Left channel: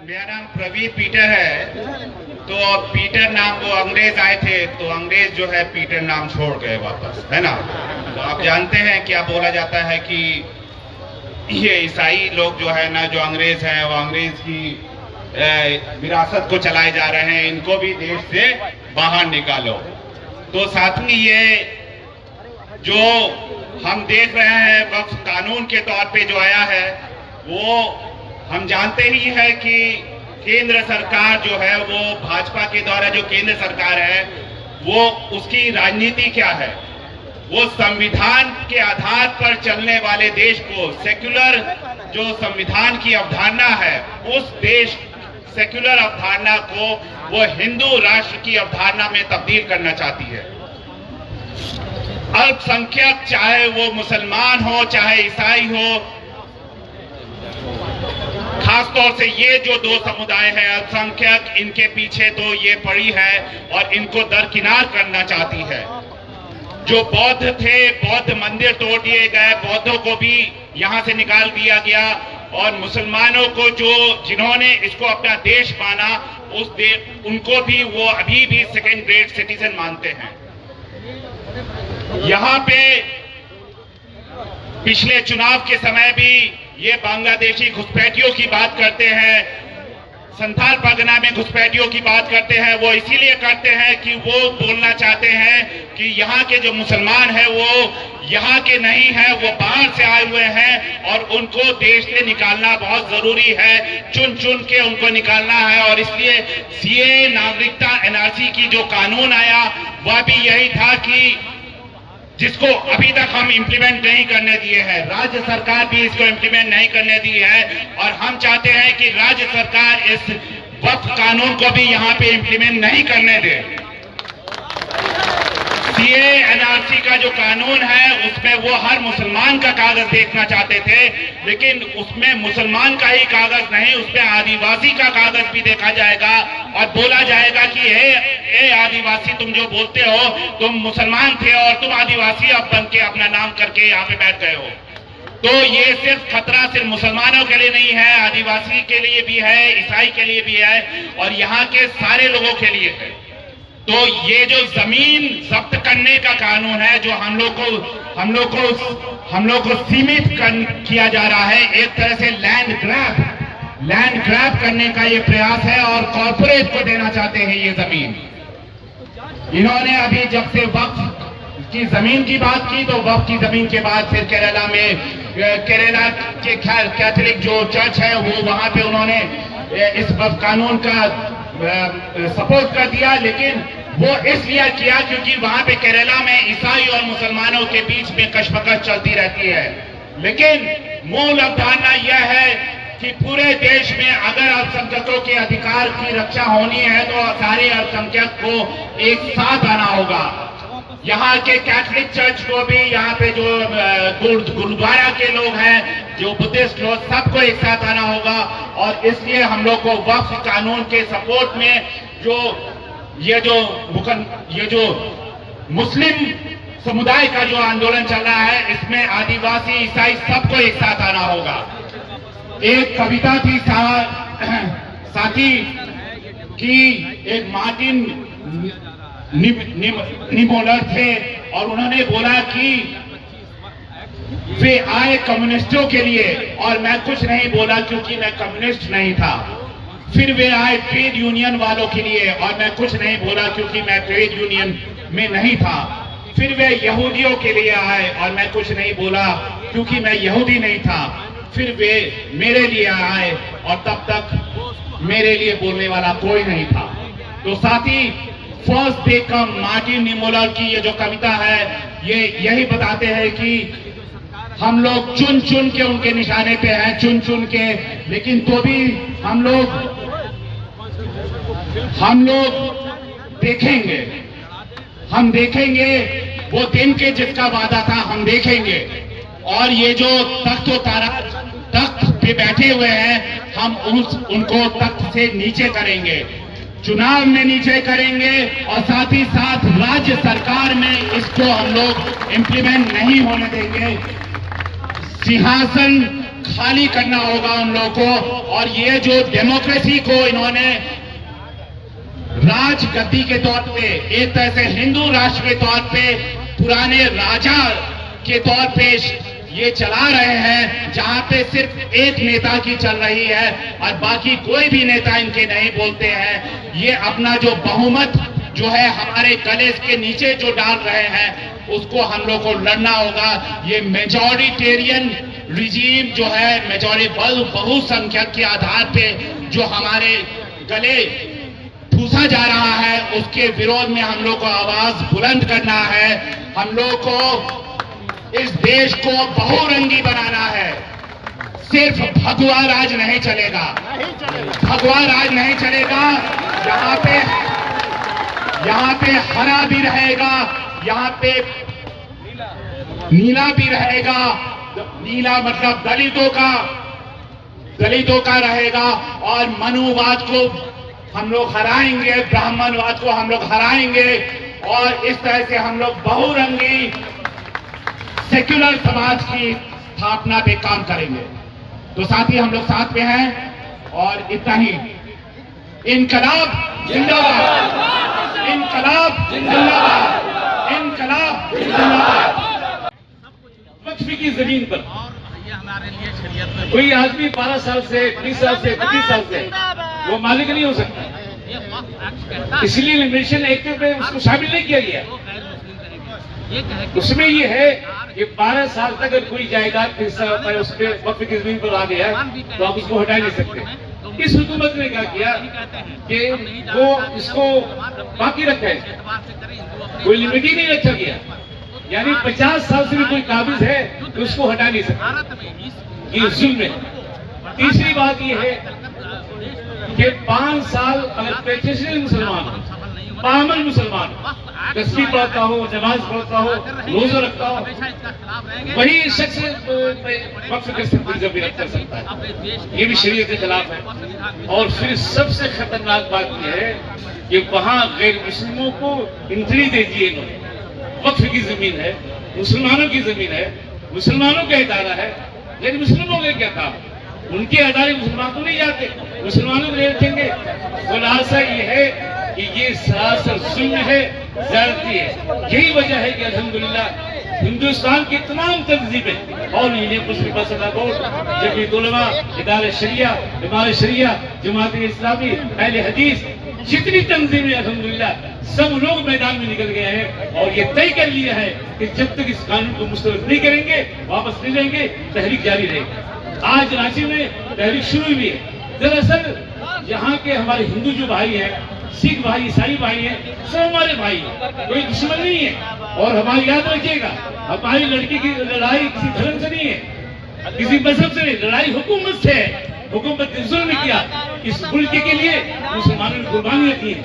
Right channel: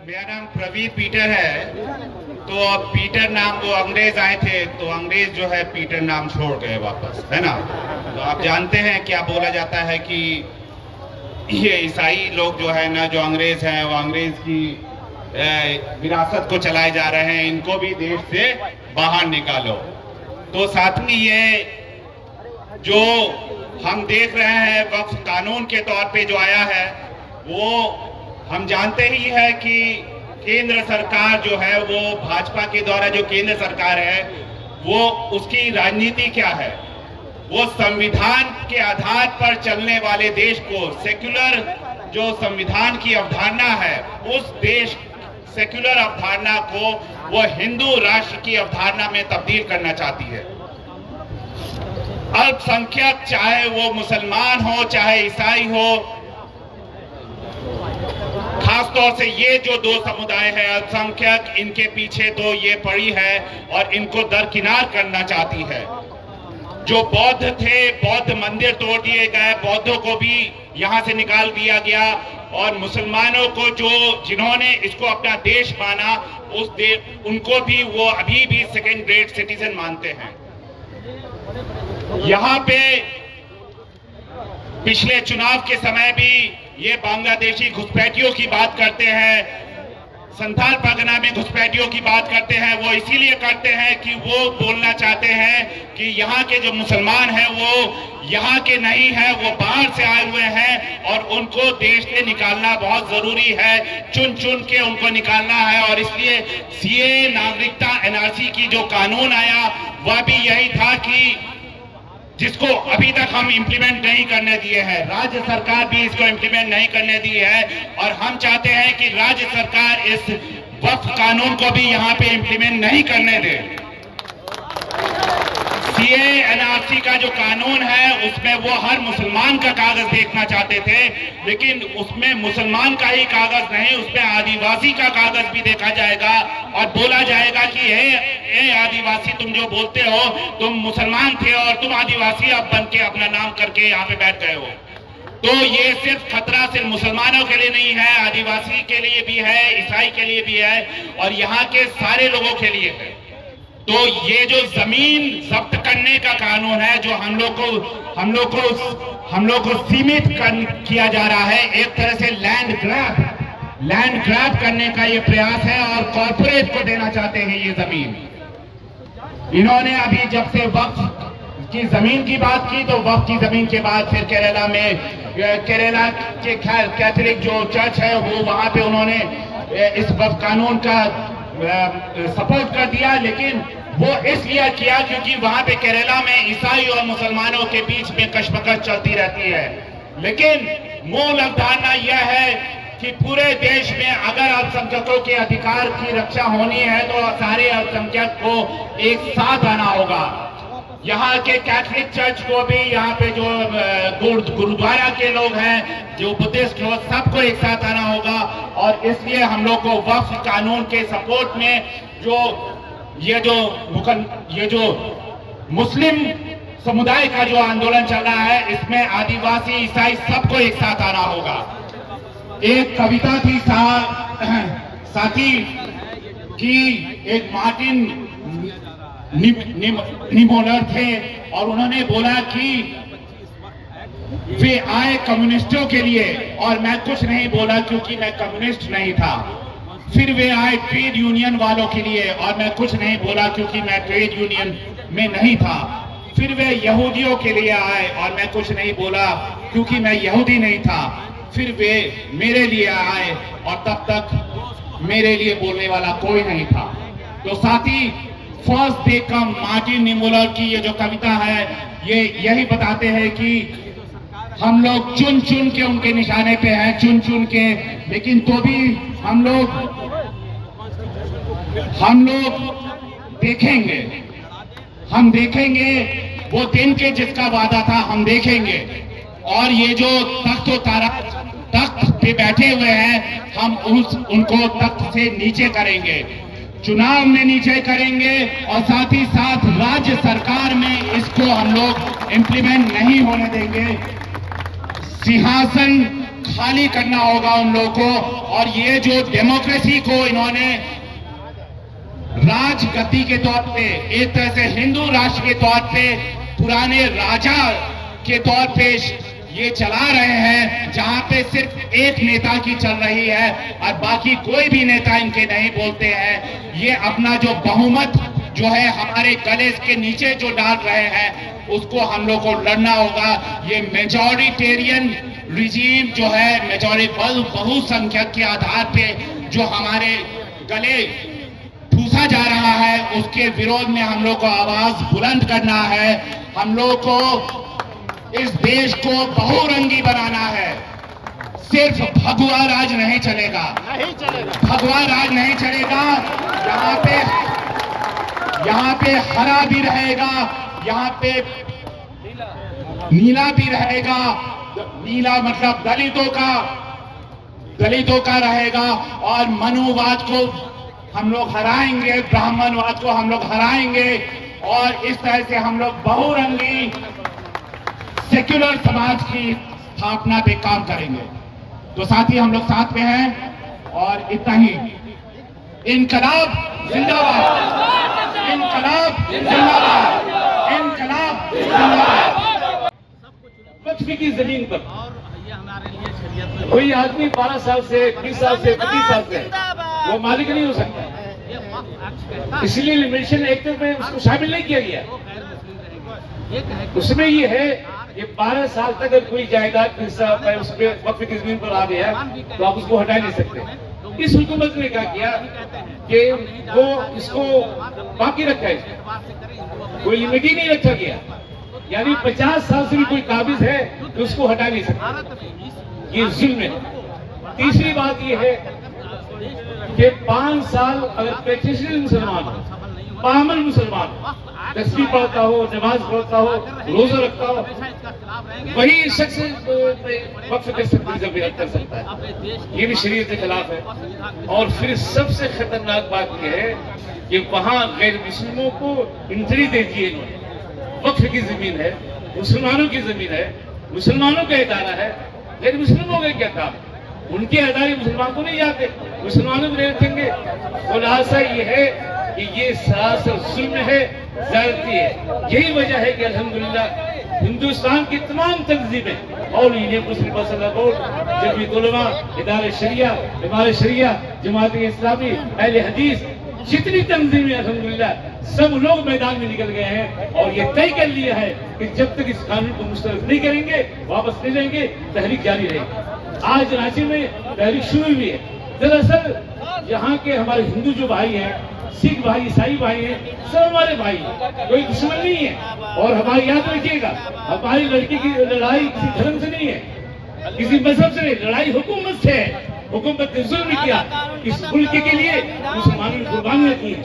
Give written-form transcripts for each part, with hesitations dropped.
मेरा नाम प्रवीण पीटर है। तो पीटर नाम वो अंग्रेज आए थे, तो अंग्रेज जो है पीटर नाम छोड़ गए वापस, है ना। तो आप जानते हैं क्या बोला जाता है कि ये ईसाई लोग जो है ना, जो अंग्रेज हैं, वो अंग्रेज की विरासत को चलाए जा रहे हैं, इनको भी देश से बाहर निकालो। तो साथ में ये जो हम देख रहे हैं वक्फ कानून के तौर पे जो आया है, वो हम जानते ही है कि केंद्र सरकार जो है, वो भाजपा के द्वारा जो केंद्र सरकार है, वो उसकी राजनीति क्या है, वो संविधान के आधार पर चलने वाले देश को, सेक्युलर जो संविधान की अवधारणा है, उस देश सेक्युलर अवधारणा को वो हिंदू राष्ट्र की अवधारणा में तब्दील करना चाहती है। अल्पसंख्यक, चाहे वो मुसलमान हो चाहे ईसाई हो, खासतौर से ये जो दो समुदाय है अल्पसंख्यक, इनके पीछे तो ये पड़ी है और इनको दरकिनार करना चाहती है। जो बौद्ध थे, बौद्ध मंदिर तोड़ दिए गए, बौद्धों को भी यहां से निकाल दिया गया, और मुसलमानों को जिन्होंने इसको अपना देश माना, उनको भी वो अभी भी सेकेंड ग्रेड सिटीजन मानते हैं। यहाँ पे पिछले चुनाव के समय भी ये बांग्लादेशी घुसपैठियों की बात करते हैं, संथाल परगना में घुसपैठियों की बात करते हैं। वो इसीलिए करते हैं कि वो बोलना चाहते हैं कि यहाँ के जो मुसलमान हैं वो यहाँ के नहीं है, वो बाहर से आए हुए हैं और उनको देश से निकालना बहुत जरूरी है, चुन चुन के उनको निकालना है। और इसलिए सीए, नागरिकता, एनआरसी की जो कानून आया, वह भी यही था कि जिसको अभी तक हम इंप्लीमेंट नहीं करने दिए हैं, राज्य सरकार भी इसको इंप्लीमेंट नहीं करने दी है, और हम चाहते हैं कि राज्य सरकार इस वक्फ कानून को भी यहाँ पे इंप्लीमेंट नहीं करने दे। सीए, एनआरसी का जो कानून है, उसमें वो हर मुसलमान का कागज देखना चाहते थे, लेकिन उसमें मुसलमान का ही कागज नहीं, उसमें आदिवासी का कागज भी देखा जाएगा और बोला जाएगा कि हे आदिवासी, तुम जो बोलते हो तुम मुसलमान थे और तुम आदिवासी अब बन के अपना नाम करके यहाँ पे बैठ गए हो। तो ये सिर्फ खतरा सिर्फ मुसलमानों के लिए नहीं है, आदिवासी के लिए भी है, ईसाई के लिए भी है, और यहाँ के सारे लोगों के लिए है। तो ये जो जमीन जब्त करने का कानून है, जो हम लोग को सीमित किया जा रहा है, एक तरह से लैंड ग्रैब करने का ये प्रयास है और कॉर्पोरेट को देना चाहते हैं ये जमीन। इन्होंने अभी जब से वक्फ की जमीन की बात की, तो वक्फ की जमीन के बाद फिर केरला के कैथोलिक जो चर्च है, वो वहां पे उन्होंने इस वक्फ कानून का सपोर्ट कर दिया, लेकिन वो इसलिए किया क्योंकि वहां पे केरला में ईसाई और मुसलमानों के बीच में कशमकश चलती रहती है। लेकिन मूल अवधारणा यह है कि पूरे देश में अगर अल्पसंख्यकों के अधिकार की रक्षा होनी है, तो सारे अल्पसंख्यक को एक साथ आना होगा। यहाँ के कैथोलिक चर्च को भी, यहाँ पे जो गुरुद्वारा के लोग हैं, जो बुद्धिस्ट लोग, सबको एक साथ आना होगा। और इसलिए हम लोग को वक्फ कानून के सपोर्ट में ये जो मुस्लिम समुदाय का जो आंदोलन चल रहा है, इसमें आदिवासी, ईसाई सबको एक साथ आना होगा। एक कविता थी साथी की, एक मार्टिन निमोलर थे, और उन्होंने बोला कि वे आए कम्युनिस्टों के लिए और मैं कुछ नहीं बोला क्योंकि मैं कम्युनिस्ट नहीं था। फिर वे आए ट्रेड यूनियन वालों के लिए और मैं कुछ नहीं बोला क्योंकि मैं ट्रेड यूनियन में नहीं था। फिर वे यहूदियों के लिए आए और मैं कुछ नहीं बोला क्योंकि मैं यहूदी नहीं था। फिर वे मेरे लिए आए और तब तक मेरे लिए बोलने वाला कोई नहीं था। तो साथी, फर्स्ट डे कम, मार्टिन निमोलर की ये जो कविता है, ये यही बताते हैं कि हम लोग चुन चुन के उनके निशाने पे हैं, चुन चुन के, लेकिन तो भी हम लोग देखेंगे वो दिन के जिसका वादा था, हम देखेंगे। और ये जो तख्त पे बैठे हुए हैं, हम उनको तख्त से नीचे करेंगे, चुनाव में नीचे करेंगे, और साथ ही साथ राज्य सरकार में इसको हम लोग इंप्लीमेंट नहीं होने देंगे। सिंहासन खाली करना होगा उन लोगों को। और ये जो डेमोक्रेसी को इन्होंने राजगद्दी के तौर पे, एक तरह से हिंदू राष्ट्र के तौर पे, पुराने राजा के तौर पे ये चला रहे हैं, जहां पे सिर्फ एक नेता की चल रही है और बाकी कोई भी नेता इनके नहीं बोलते हैं। ये अपना जो बहुमत जो है हमारे गले के नीचे जो डाल रहे हैं, उसको हम लोग को लड़ना होगा। ये मेजॉरिटेरियन रिजीम जो है, मेजॉरिटी बहुसंख्यक के आधार पे जो हमारे गले ठूसा जा रहा है, उसके विरोध में हम लोग को आवाज बुलंद करना है। हम लोग को इस देश को बहुरंगी बनाना है। सिर्फ भगवा राज नहीं चलेगा, भगवा राज नहीं चलेगा। यहाँ पे हरा भी रहेगा, यहाँ पे नीला भी रहेगा। नीला मतलब दलितों का रहेगा। और मनुवाद को हम लोग हराएंगे, ब्राह्मणवाद को हम लोग हराएंगे। और इस तरह से हम लोग बहुरंगी सेक्युलर समाज की स्थापना पे काम करेंगे। तो साथी हम लोग साथ में हैं। और इतना ही, इनकलाब जिंदाबाद, इनकलाब जिंदाबाद, इनकलाब जिंदाबाद। वक्फ की जमीन पर कोई आदमी 12 साल से, 20 साल से, 25 साल से वो मालिक नहीं हो सकता। इसलिए लिमिटेशन एक्ट में उसको शामिल नहीं किया गया। उसमें ये है कि 12 साल तक अगर कोई जायदाद हिस्सा उस पर वक्फ की जमीन पर आ गया तो आप उसको हटा नहीं सकते। इस हुकूमत ने क्या किया कि वो इसको बाकी रखा है, कोई लिमिट ही नहीं रखा गया। यानी 50 साल से भी कोई काबिज है तो उसको हटा नहीं सकता। ये जुल्म है। तीसरी बात ये है कि 5 साल अगर प्रैक्टिशनर मुसलमान हो, पामल मुसलमान हो, तस्बीह पढ़ता हो, नमाज पढ़ता हो, रोजा रखता हो, वही शख्स वक्फ कर सकता है। ये भी शरीयत के खिलाफ है। और फिर सबसे खतरनाक बात यह है कि वहां गैर मुस्लिमों को एंट्री दे दी इन्होंने। वक्फ की जमीन है, मुसलमानों की जमीन है, मुसलमानों का इदारा है, गैर मुस्लिमों का क्या काम? उनके अदारे मुसलमान को नहीं जाते, मुसलमानों को नहीं रखेंगे। खुलासा ये है कि ये सरासर जुल्म है, ज्यादती है। यही वजह है कि अल्हम्दुलिल्लाह हिंदुस्तान की तमाम तंजीमें और यूनियन मुस्लिम मसला बोर्ड, जमीयत उलमा, इदारे शरिया, इमारत शरिया, जमात इस्लामी, अहले हदीस, जितनी तंजीमें अल्हम्दुलिल्लाह सब लोग मैदान में निकल गए हैं। और ये तय कर लिया है कि जब तक इस कानून को मुस्तरद नहीं करेंगे, वापस नहीं लेंगे, तहरीक जारी रहेगी। आज रांची में तहरीक शुरू हुई है। दरअसल यहाँ के हमारे हिंदू जो भाई हैं, सिख भाई, ईसाई भाई हैं, सब हमारे भाई हैं, कोई दुश्मन नहीं है। और हमारी याद रखिएगा, हमारी लड़की की लड़ाई किसी धर्म से नहीं है, किसी मजहब से नहीं, लड़ाई हुकूमत से है। हुकूमत ने जुल्म किया, इस मुल्क के लिए मुसलमानों ने कुर्बानियां दी हैं।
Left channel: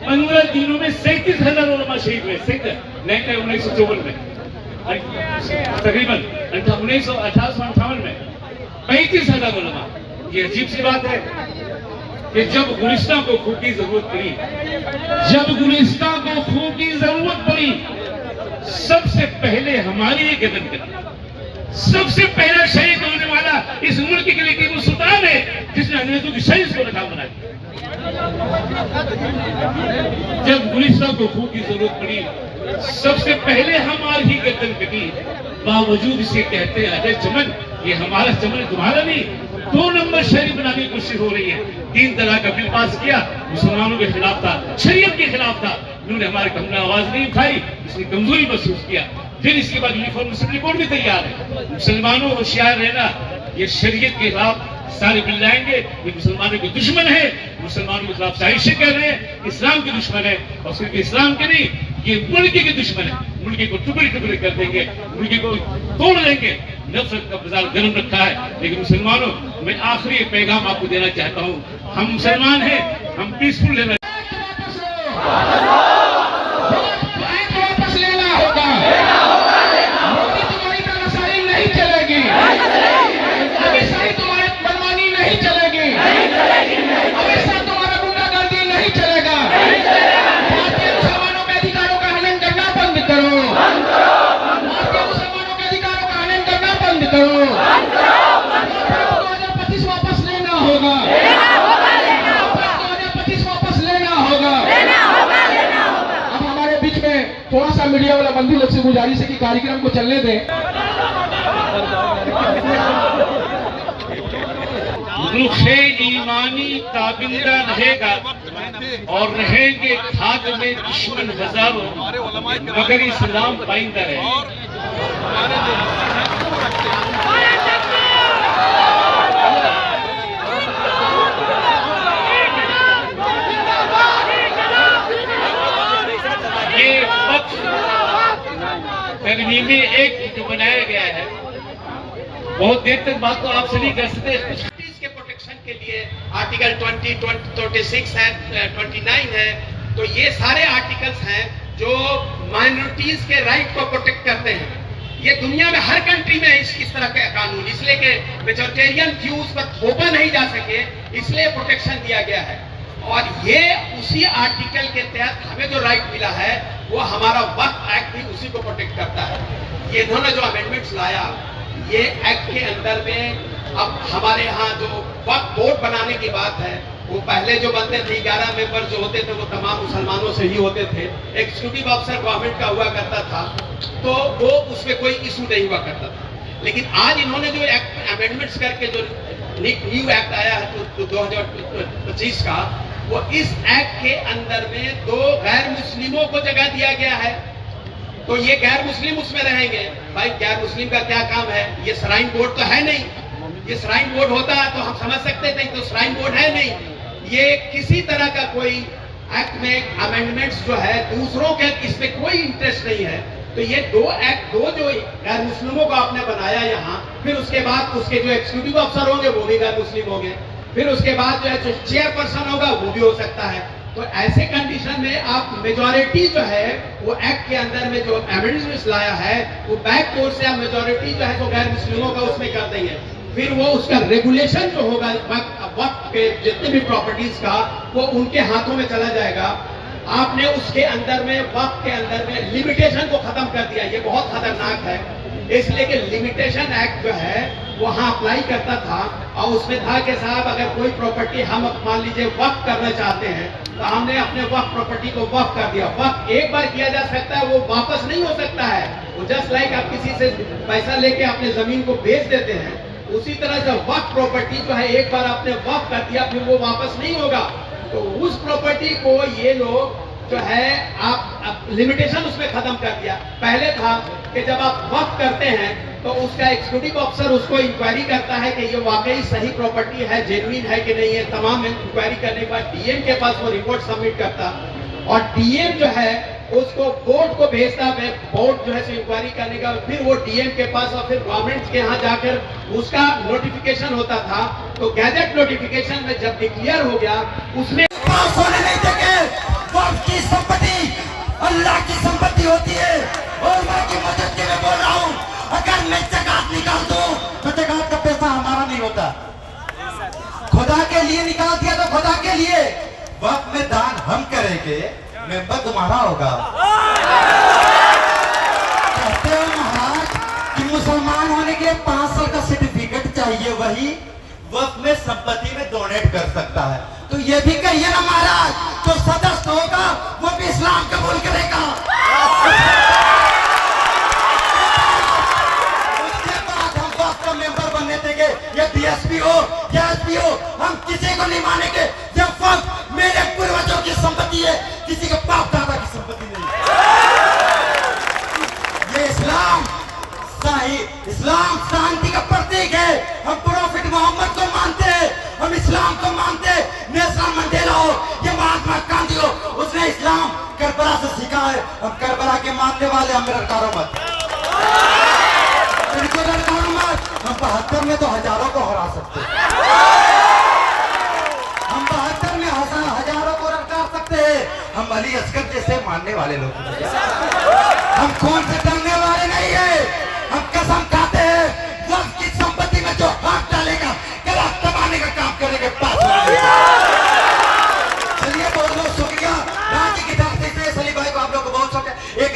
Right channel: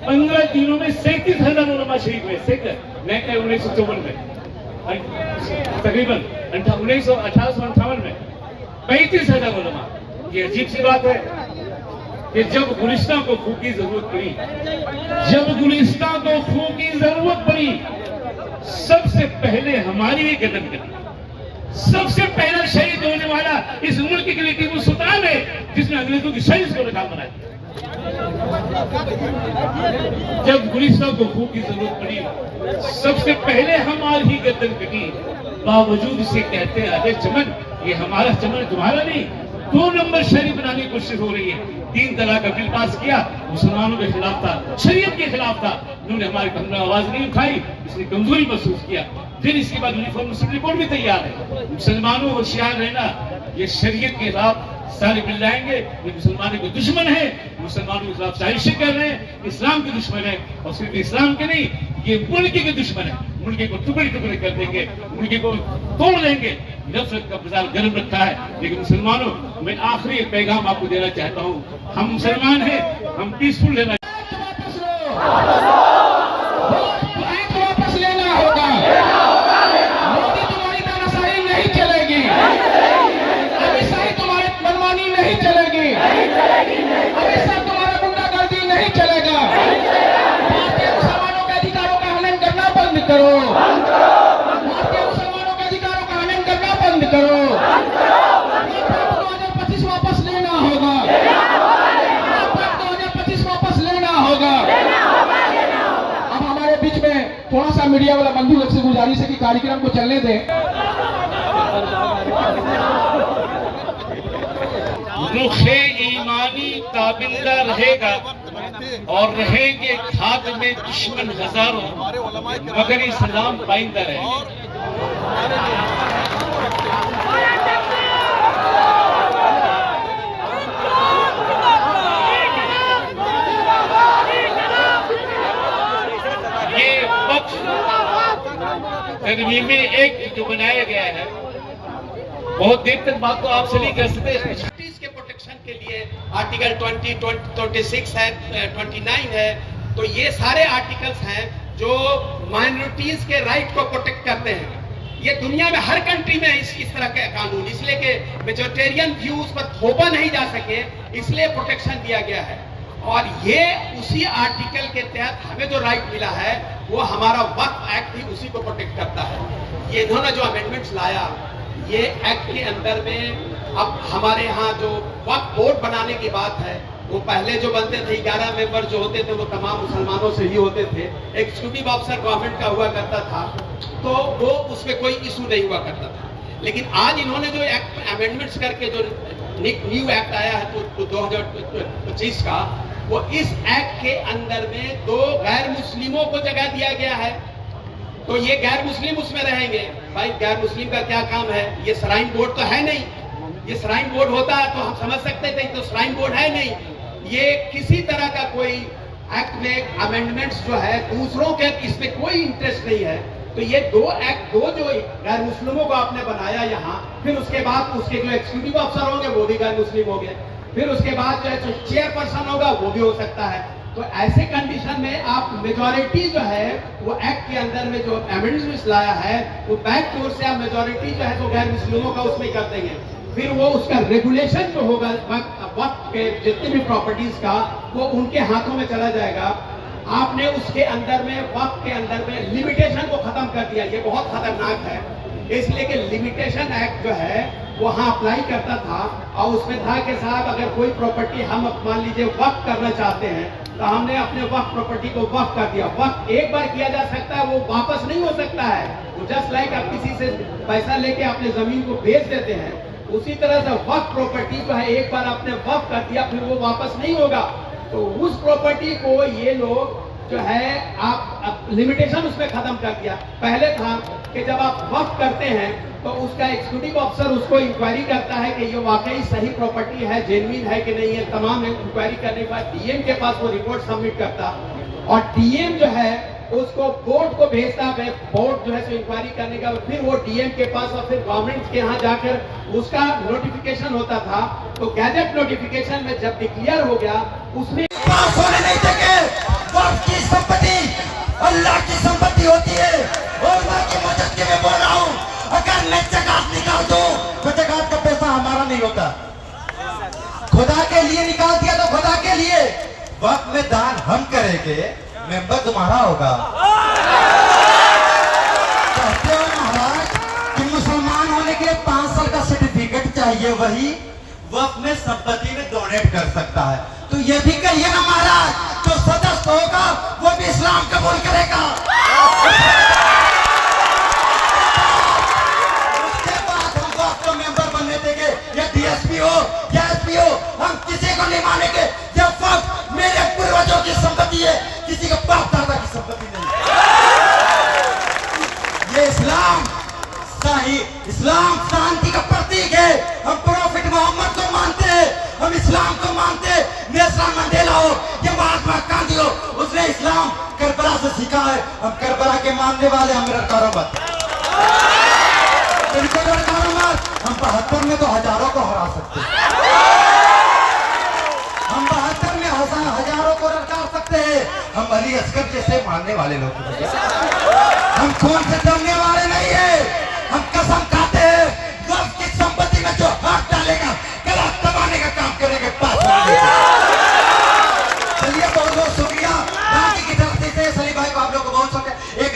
15 दिनों में 37,000 उलमा शहीद हुए। 1954 में, तकरीबन 1958 में 35,000 उलमा। ये अजीब सी बात है कि जब गुलिस्तान को खून की जरूरत पड़ी, जब गुलिस्तान को खून की जरूरत पड़ी, सबसे पहले हमारी ये गर्दन कटी। सबसे पहला शहीद होने वाला इस मुल्क के लिए टीपू सुल्तान है, जिसने अंग्रेजों की शहीद को नकाम बनाया। जब गुलिस्तान को खून की जरूरत पड़ी, सबसे पहले हमारी ही गर्दन कटी। बावजूद इसे कहते हैं अजय चमन, ये हमारा चमन तुम्हारा नहीं। 2 नंबर शरीफ बनाने की कोशिश हो रही है। 3 तलाक का बिल पास किया, मुसलमानों के खिलाफ था, शरीयत के खिलाफ था। उन्होंने हमारी हमने आवाज नहीं उठाई, इसने कमजोरी महसूस किया। फिर इसके बाद यूनिफॉर्म मुस्लिम रिपोर्ट भी तैयार है। मुसलमानों को होशियार रहना, ये शरीयत के खिलाफ सारे बिल लाएंगे। ये मुसलमानों के दुश्मन है, मुसलमानों के खिलाफ साजिशें कर रहे हैं, इस्लाम के दुश्मन है। और सिर्फ इस्लाम के नहीं, ये मुल्क के दुश्मन है। मुल्क को टुकड़े टुकड़े कर देंगे, मुल्क को तोड़ देंगे। नफरत का बाजार गर्म रखा है। लेकिन मुसलमानों, मैं आखिरी पैगाम आपको देना चाहता हूँ, हम मुसलमान हैं, हम पीसफुल रहना। मीडिया वाला बंधु लोग से गुजारिश है कि कार्यक्रम को चलने दें। रुखे ईमानी ताबिंदा रहेगा और रहेंगे खाक में दुश्मन हजारों, मगर इस्लाम पाइंदा रहेगा। ये पक्ष तरमीम एक जो बनाया गया है, बहुत देर तक बात तो आपसे नहीं कर सकते। के प्रोटेक्शन के लिए आर्टिकल 20, 26 है, 29 है, तो ये सारे आर्टिकल्स हैं जो माइनॉरिटीज के राइट को प्रोटेक्ट करते हैं। ये दुनिया में हर कंट्री में है इस तरह के कानून, इसलिए कि वेजिटेरियन व्यूज पर थोपा नहीं जा सके, इसलिए प्रोटेक्शन दिया गया है। और ये उसी आर्टिकल के तहत हमें जो राइट मिला है वो हमारा वक्फ एक्ट भी उसी को प्रोटेक्ट करता है। ये इन्होंने जो अमेंडमेंट्स लाया, ये एक्ट के अंदर में अब हमारे यहाँ जो वक्फ बोर्ड बनाने की बात है, वो पहले जो बनते थे 11 मेंबर जो होते थे वो तमाम मुसलमानों से ही होते थे। एग्जीक्यूटिव ऑफिसर गवर्नमेंट का हुआ करता था, तो वो उसमें कोई इशू नहीं हुआ करता था। लेकिन आज इन्होंने जो एक्ट अमेंडमेंट्स करके जो न्यू एक्ट आया है जो 2025 का, वो इस एक्ट के अंदर में 2 गैर मुस्लिमों को जगह दिया गया है। तो ये गैर मुस्लिम उसमें रहेंगे। भाई गैर मुस्लिम का क्या काम है? ये श्राइन बोर्ड तो है नहीं। ये श्राइन बोर्ड होता तो हम समझ सकते थे, तो श्राइन बोर्ड है नहीं। ये किसी तरह का कोई एक्ट में अमेंडमेंट्स जो है दूसरों के, इसमें कोई इंटरेस्ट नहीं है। तो ये 2 एक्ट, 2 जो गैर मुस्लिमों को आपने बनाया यहाँ, फिर उसके बाद उसके जो एग्जीक्यूटिव ऑफिसर होंगे वो भी गैर मुस्लिम होंगे, फिर उसके बाद जो है जो चेयरपर्सन होगा वो भी हो सकता है। तो ऐसे कंडीशन में आप मेजॉरिटी जो है वो एक्ट के अंदर में जो अमेंडमेंट्स लाया है वो बैक डोर से आप मेजॉरिटी जो है तो गैर मुस्लिमों का उसमें कर देंगे। फिर वो उसका रेगुलेशन जो होगा वक्त के जितने भी प्रॉपर्टीज का, वो उनके हाथों में चला जाएगा। आपने उसके अंदर में वक्त के अंदर में लिमिटेशन को खत्म कर दिया। ये बहुत खतरनाक है, इसलिए कि लिमिटेशन एक्ट जो है वहाँ अप्लाई करता था और उसमें था कि साहब अगर कोई प्रॉपर्टी हम मान लीजिए वक्त करना चाहते हैं तो हमने अपने वक्त प्रॉपर्टी को वक्त कर दिया। वक्त एक बार किया जा सकता है, वो वापस नहीं हो सकता है। वो जस्ट लाइक आप किसी से पैसा लेके अपने जमीन को बेच देते हैं, उसी तरह से वक्त प्रॉपर्टी जो है एक बार आपने वक्त कर दिया फिर वो वापस नहीं होगा। तो उस प्रॉपर्टी को ये लोग जो है आप लिमिटेशन उसमें खत्म कर दिया। पहले था कि जब आप वक्त करते हैं तो उसका एग्जीक्यूटिव ऑफिसर उसको इंक्वायरी करता है कि ये वाकई सही प्रॉपर्टी है, जेन्युइन है कि नहीं है। तमाम इंक्वायरी करने के बाद डीएम के पास वो रिपोर्ट सबमिट करता और डीएम जो है उसको बोर्ड को भेजता है। बोर्ड जो है इंक्वायरी करने का, फिर वो डीएम के पास और फिर गवर्नमेंट के यहाँ जाकर उसका नोटिफिकेशन होता था। तो गैजेट नोटिफिकेशन में जब डिक्लेयर हो गया उसमें होने नहीं देंगे। वक्फ की संपत्ति अल्लाह की संपत्ति होती है और मैं की मदद के लिए बोल रहा हूँ, अगर मैं ज़कात निकाल दूं तो ज़कात का पैसा हमारा नहीं होता, खुदा के लिए निकाल दिया तो खुदा के लिए। वक्त में दान हम करेंगे, मेंबर तुम्हारा होगा। कहते हो महाराज कि मुसलमान होने के लिए 5 साल का सर्टिफिकेट चाहिए, वही वक्त में संपत्ति में डोनेट कर सकता है। तो ये भी कहिए ना महाराज, जो सदस्य होगा वो भी इस्लाम कबूल करेगा। उसके बाद हम वक्त का मेंबर बनने देंगे, या डीएसपी हो या एसपी हो, हम किसी को नहीं मानेंगे। जब वक्त मेरे पूर्वजों की संपत्ति है, किसी के बाप दादा की संपत्ति नहीं। ये इस्लाम शांति का प्रतीक है। हम प्रॉफिट मोहम्मद को मानते हैं, हम इस्लाम को मानते हैं। नेल्सन मंडेला हो या महात्मा गांधी हो, उसने इस्लाम करबला से सीखा है। हम करबला के मानने वाले, हम लड़कारों मत, हम 72 में तो हजारों को हरा सकते हैं। हम 72 में हजारों को लड़का सकते हैं। हम अली असगर जैसे मानने वाले लोग, हम कौन से डरने वाले नहीं है। हम कसम खाते हैं, वक्त की संपत्ति में जो हाथ डालेगा गला दबाने का काम करेंगे। चलिए बहुत बहुत शुक्रिया। बाकी की तरफ से सली भाई को आप लोग को बहुत शुक्रिया। एक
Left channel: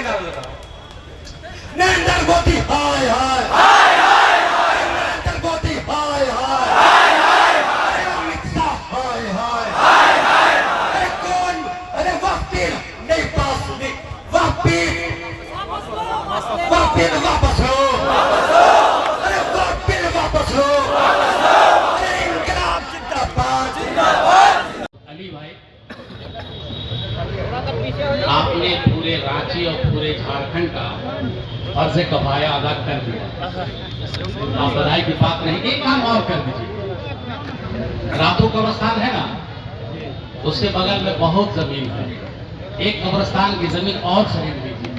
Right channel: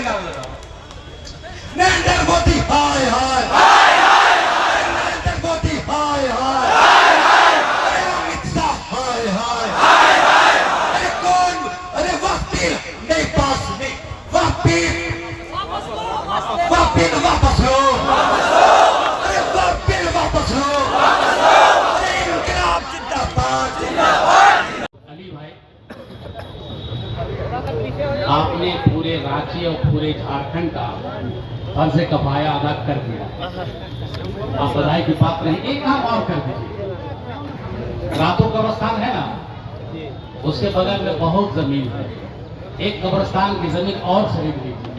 नरेंद्र मोदी हाय हाय हाय हाय हाय, नरेंद्र मोदी हाय हाय हाय हाय, अमित शाह हाय हाय हाय हाय। अरे कौन? अरे वक्त पीर नहीं, पास में वक्त पीर बिल वापस लो, अरे वोट बिल वापस लो, अरे इनकलाब जिंदाबाद। अली भाई, आपने पूरे रांची और पूरे झारखंड का फर्ज कफाया अदा कर दिया। आप बधाई की बात नहीं, एक काम और कर दीजिए। रातों कब्रस्तान है ना, उसके बगल में बहुत जमीन है, एक कब्रस्तान की जमीन और खरीद लीजिए।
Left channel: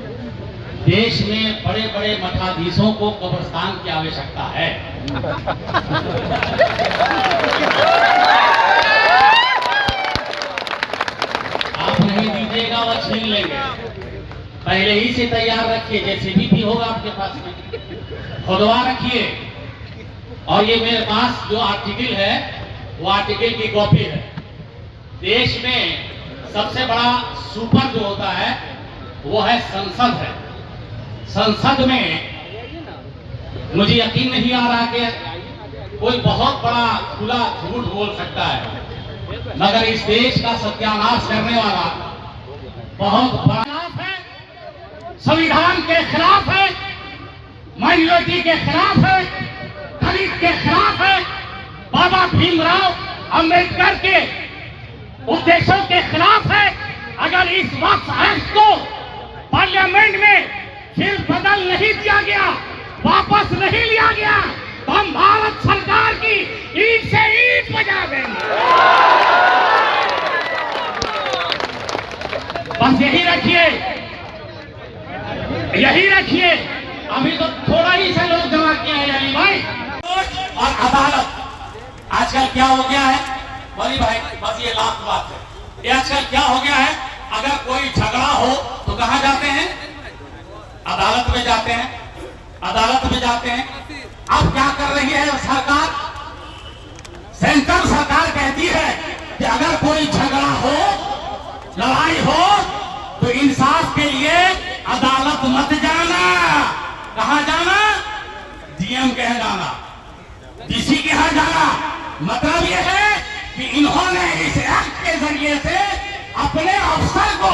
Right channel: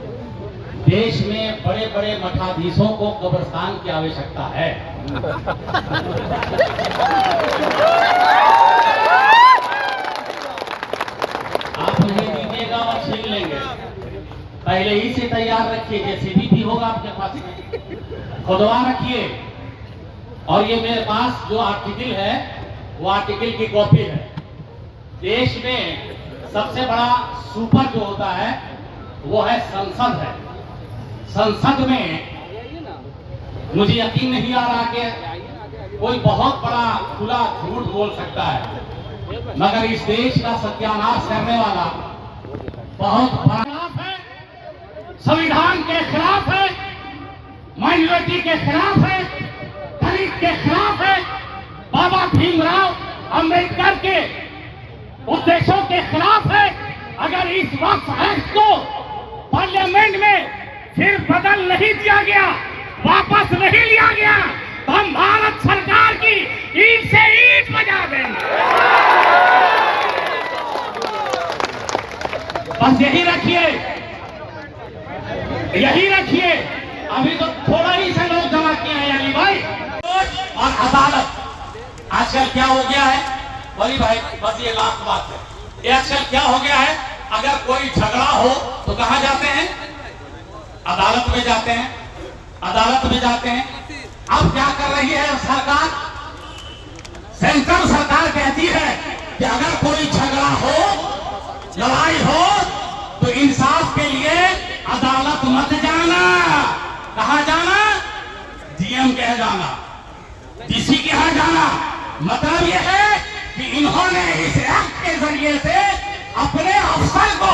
देश में बड़े बड़े मठाधीशों को कब्रस्तान की आवश्यकता है। आप नहीं दीजिएगा, वह छीन लेंगे। पहले ही से तैयार रखिए, जेसीबी भी होगा आपके पास में, खुदवा रखिए। और ये मेरे पास जो आर्टिकल है, वो आर्टिकल की कॉपी है। देश में सबसे बड़ा सुपर जो होता है वो है संसद है। संसद में मुझे यकीन नहीं आ रहा कि कोई बहुत बड़ा खुला झूठ बोल सकता है, मगर इस देश का सत्यानाश करने वाला बहुत बड़ा खिलाफ है, संविधान के खिलाफ है, माइनॉरिटी के खिलाफ है, दलित के खिलाफ है, बाबा भीमराव अंबेडकर के उद्देश्यों के खिलाफ है। अगर इस वक्त एक्ट को पार्लियामेंट में फिर बदल नहीं दिया गया, वापस नहीं लिया गया, तो हम भारत सरकार की ईंट से ईंट बजा देंगे। बस यही रखिए, यही रखिए। अभी तो थोड़ा ही से लोग जमा किए हैं अली भाई। और अदालत आजकल क्या हो गया है बड़ी भाई, बस ये लास्ट बात है, ये आजकल क्या हो गया है, अगर कोई झगड़ा हो तो कहां जाते हैं? अदालत में जाते हैं, अदालत में जाते हैं। अब क्या कर रही है सरकार? सेंट्रल सरकार कहती है कि अगर कोई झगड़ा हो, लड़ाई हो, तो इंसाफ के लिए अदालत मत जाना। कहां जाना? डीएम के यहाँ जाना, डीसी के यहाँ जाना। मतलब यह है कि इन्होंने इस एक्ट के जरिए से अपने अफसर को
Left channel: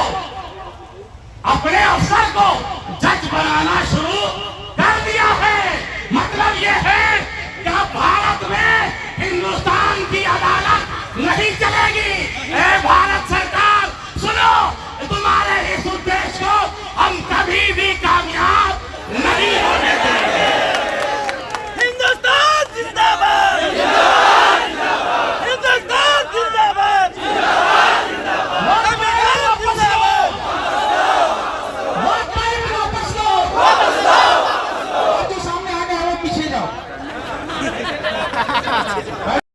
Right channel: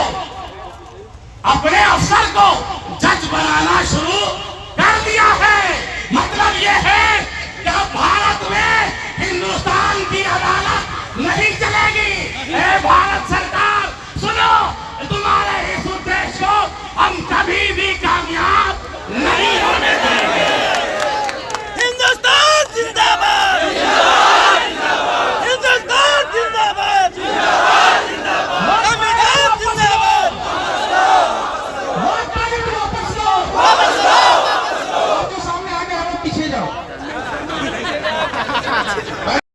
जज बनाना शुरू कर दिया है। मतलब यह है कि अब भारत में हिंदुस्तान की अदालत नहीं चलेगी। ए भारत सरकार सुनो, तुम्हारे इस उद्देश्य को हम कभी भी कामयाब नहीं होने देंगे। हिंदुस्तान जिंदाबाद, हिंदुस्तान जिंदाबाद, पीछे जाओ।